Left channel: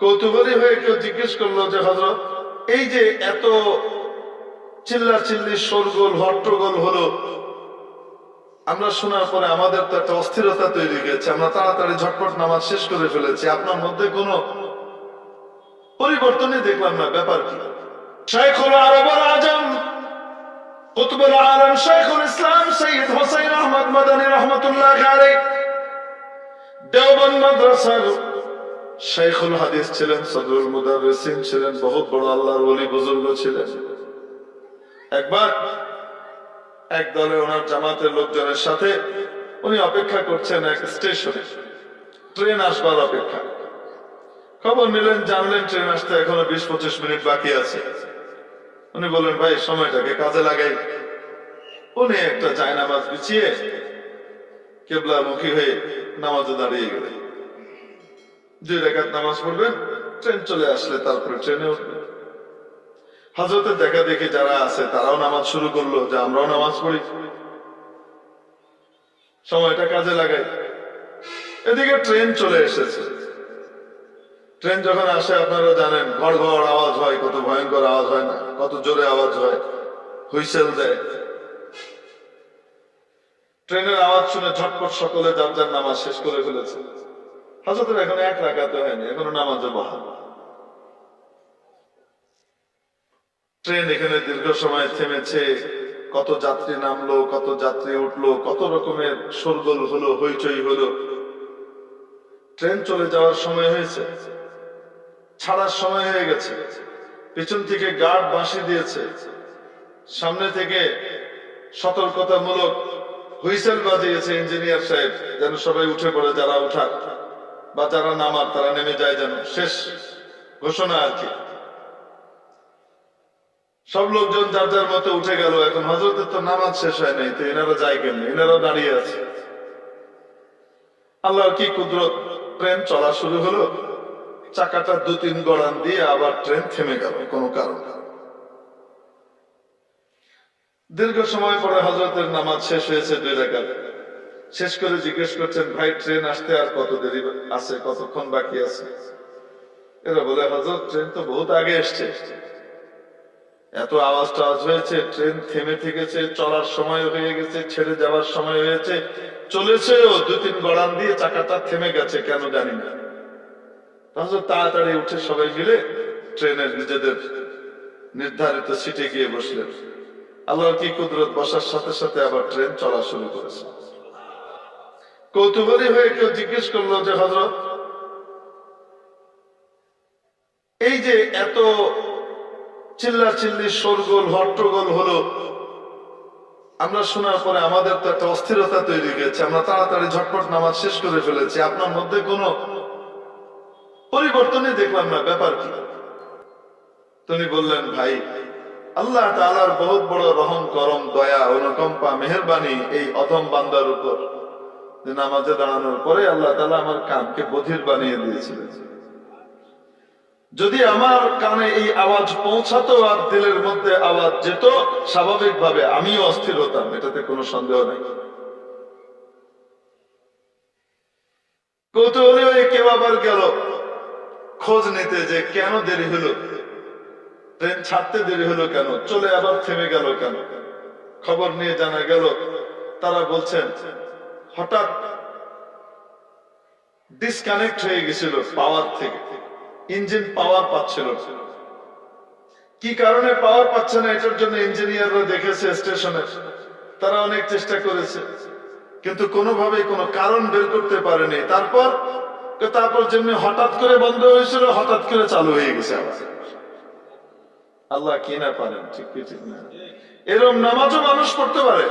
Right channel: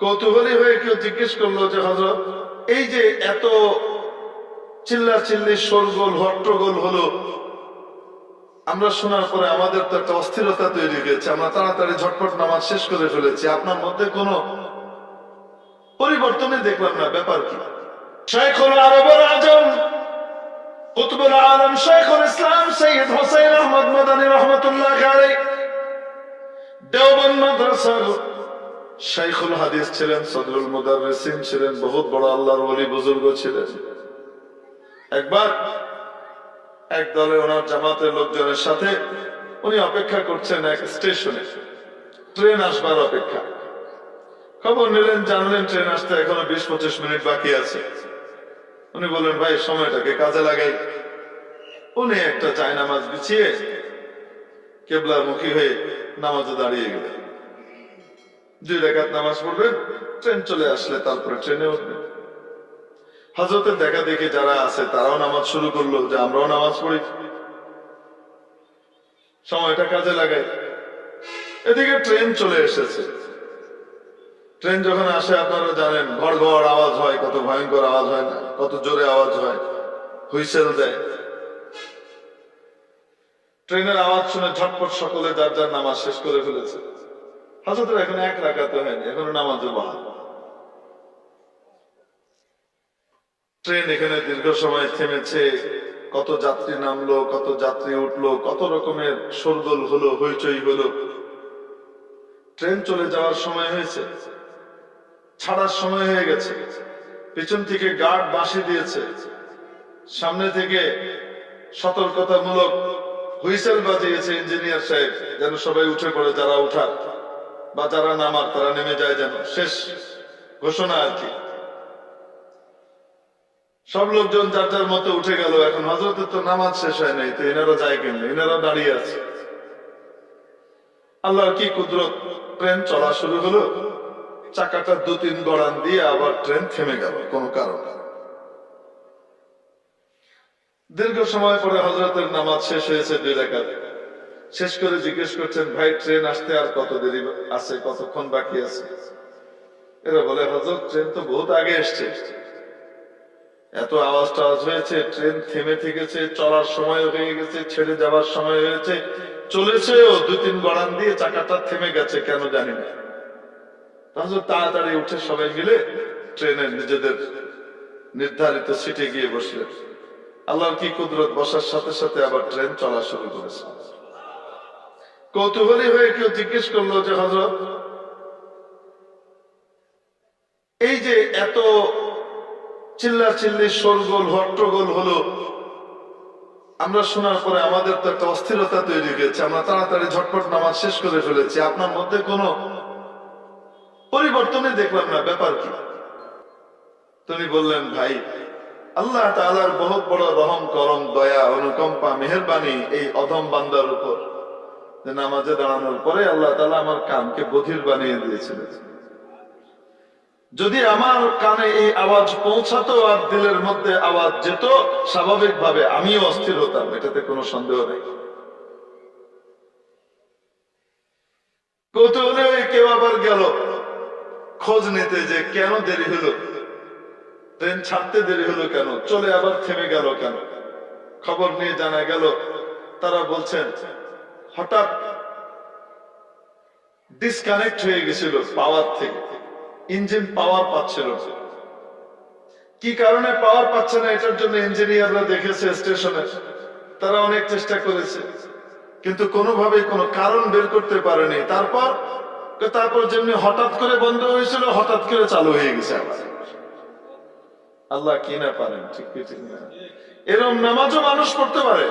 কৌতূহলী হয়ে কেউ জিজ্ঞেস করলো যে হযরত, এই যে এত চিল্লা চিল্লি শোরগোল হট্টগোল হলো, আমরা শোনার পরে আমাদের তো একটা অস্থিরতা তৈরি হয়েছে, আমরা তাড়াতাড়ি ঝটপট নামাজ শেষ করে ফেলেছি, আপনার মধ্যে কোনো পরিবর্তনই দেখলাম না, ব্যাপার কি? শাইখুল আরব ওয়াল আজম কুতুবুল আলম শাইখুল ইসলাম সৈয়দ হুসাইন আহমদ মাদানী রহমাতুল্লাহ আলাইহি দেওবন্দ মাদ্রাসার শাইখুল হাদিস ছিলেন, সদরুল মুদাররিসিন ছিলেন, বহুত বড় আল্লাহর ওলি বুজুর্গ ছিলেন। একবার এক দলে ওনার জামাতের লোকজনের সাথে উনি অপেক্ষা করছেন এক স্টেশনে, ট্রেন আসবার অপেক্ষা। খবর নিলেন, জানলেন ট্রেন আসতে এখনো 20-25 মিনিট বাকি আছে। উনি বললেন, ভাই সময়টাকে কাজে লাগাই। উনি একটা জায়নামাজ বিছিয়ে কিবলামুখী হয়ে নামাজে দাঁড়িয়ে গেলেন। 2 রাকাত নামাজ পড়বেন, ট্রেন চলে আসলে তারপরে ট্রেনে উঠবেন। হযরতের দেখা দেখি যারা আছে তারাও নামাজ শুরু করলো, যে আমরাও নামাজ পড়ি, সময়টা কাজে লাগাই। এদিকে ট্রেন চলে এসেছে। ট্রেন যখন আসে আপনারা জানেন, ঘড় ঘড় আওয়াজ হয়, কত ভয়ঙ্কর আওয়াজ হয় না, কত জোরে আওয়াজ হয়, হুইসেল দেয়। ট্রেনের আওয়াজ শুনে ঝটপট সকলে যার যার নামাজ শেষ করে ফেলেছে। হযরতের এখনো 1 রাকাত হয়নি, এখনো নামাজে বহাল। ট্রেন এখানে দীর্ঘ সময় থেমেছে, কত যাত্রী নামলো, কত যাত্রী উঠলো, কত রকমের শোরগোল হলো, হইচই হলো। ট্রেন চলে যাওয়ার সময় হয়েছে, ছাড়ার সময় হয়ে গেছে। পিছন থেকে গার্ড বাঁশি দিয়েছে, সামনে থেকে সতর্কতামূলক হুইসেল বাজিয়েছে ইঞ্জিনিয়ার সাহেব, যেন সবাই উঠে পড়ে, যারা উঠার বা যারা নামার তারা নেমে যায়, যেন শেষ ঘোষণা আর কি। সব লোকজন যার যার মতো উঠে গেল। এখন হযরতের তো নামাজ শেষ হয় নাই, তো এনারা যায় কেমনে? এনারাও দাঁড়িয়ে আছে। আল্লাহর কি কুদরত, ট্রেন চলা শুরু হলো, চাকাটা 2-3 গড়ান দিয়ে আবার ট্রেন থেমে গেল কোনো কারণে। দীর্ঘ সময় পরে হযরতের নামাজ শেষ হয়েছে, 2 রাকাত শেষ করে জিজ্ঞেস করছেন, ভাই ট্রেন আসতে আর কত দেরি আছে, কতক্ষণ বাকি আছে? এরা বলে, হযরত ট্রেন তো বহুত আগে এসছে, এত আওয়াজ টাওয়াজ হয়েছে, ট্রেন থেমে থেকেছে, চলার সময় হয়ে গেছে, ছেড়ে যাবার সময় হয়েছে, চলেছেও 2-3 গড়ান দিয়ে, চাকাটা থেমে গেছে কেন জানি না। হযরত তাড়াতাড়ি উঠে সবাই মিলে ট্রেনের নিজেদের নির্ধারিত সিটে গিয়ে বসলেন। আল্লাহর কি কুদরত, বসার সাথে সাথে আবার ট্রেন চলা শুরু করেছে। কৌতূহলী হয়ে কেউ জিজ্ঞেস করলো যে হযরত, এই যে এত চিল্লা চিল্লি শোরগোল হট্টগোল হলো, আমরা শোনার পরে আমাদের তো একটা অস্থিরতা তৈরি হয়েছে, আমরা তাড়াতাড়ি ঝটপট নামাজ শেষ করে ফেলেছি, আপনার মধ্যে কোনো পরিবর্তনই দেখলাম না, ব্যাপার কি? তিনি বললেন, ভাই আল্লাহ তাআলার বহুত বড় রহম করম, দয়া, অনুকম্পা, মেহেরবানি এই অধম বান্দার উপর, যে নামাজে দাঁড়ানোর পরে আল্লাহ তাআলা আমার কানকে বধির বানিয়ে দিয়েছিলেন। যদি আমার কানে এই আওয়াজ পৌঁছাতো আর দিলের মধ্যে আওয়াজ যেত, স্বাভাবিকভাবে আমিও অস্থির হতাম, এটাতে কোনো সন্দেহ নেই। কৌতূহলী হয়ে কেউ আবার গেল খোঁজ নিতে, যে কেন দেরি হলো, ট্রেন ছাড়তে দেরি হলো কেন, চলে আবার থেমে গেল কেন। খবর নিয়ে জানা গেল, তারা বলছেন হঠাৎ ডিসকানেক্ট হয়ে গেছিল পাওয়ার থেকে, ইঞ্জিন পাওয়ার পাচ্ছিল না। কি কারণে পাওয়ার পাচ্ছে না, এটার জন্য ইঞ্জিনিয়াররা দেখেছে স্টেশনে, তারা অনেক চেষ্টা করেছে, কিন্তু কোনোভাবেই কোনো কারণ বের করতে পারেনি। তারপর যেমনি হঠাৎ করে বন্ধ হয়েছিল, হঠাৎ করে চালু হয়ে গেছে আবার। আল্লাহ কি না পারেন, ঠিক কি ঠিক না? এরকম নামাজও মানুষ পড়তে পারে।